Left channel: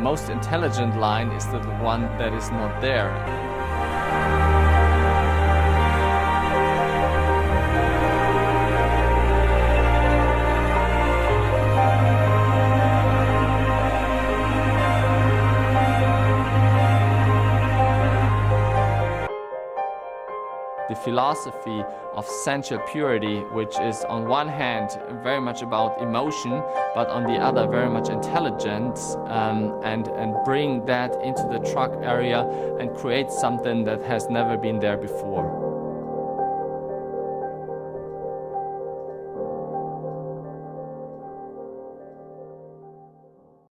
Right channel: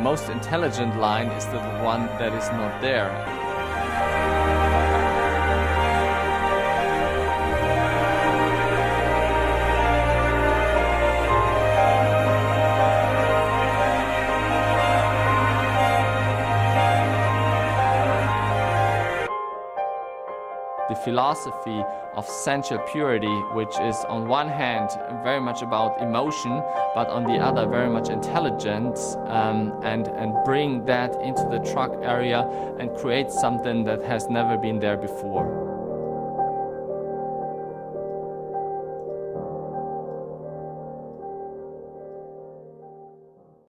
most intelligent line is the one that is not there. The philosophy of sensual purity, which is on one hand very much about emotion, but on the other very much intelligence, and bring that into the truck area and create something that has never been there before.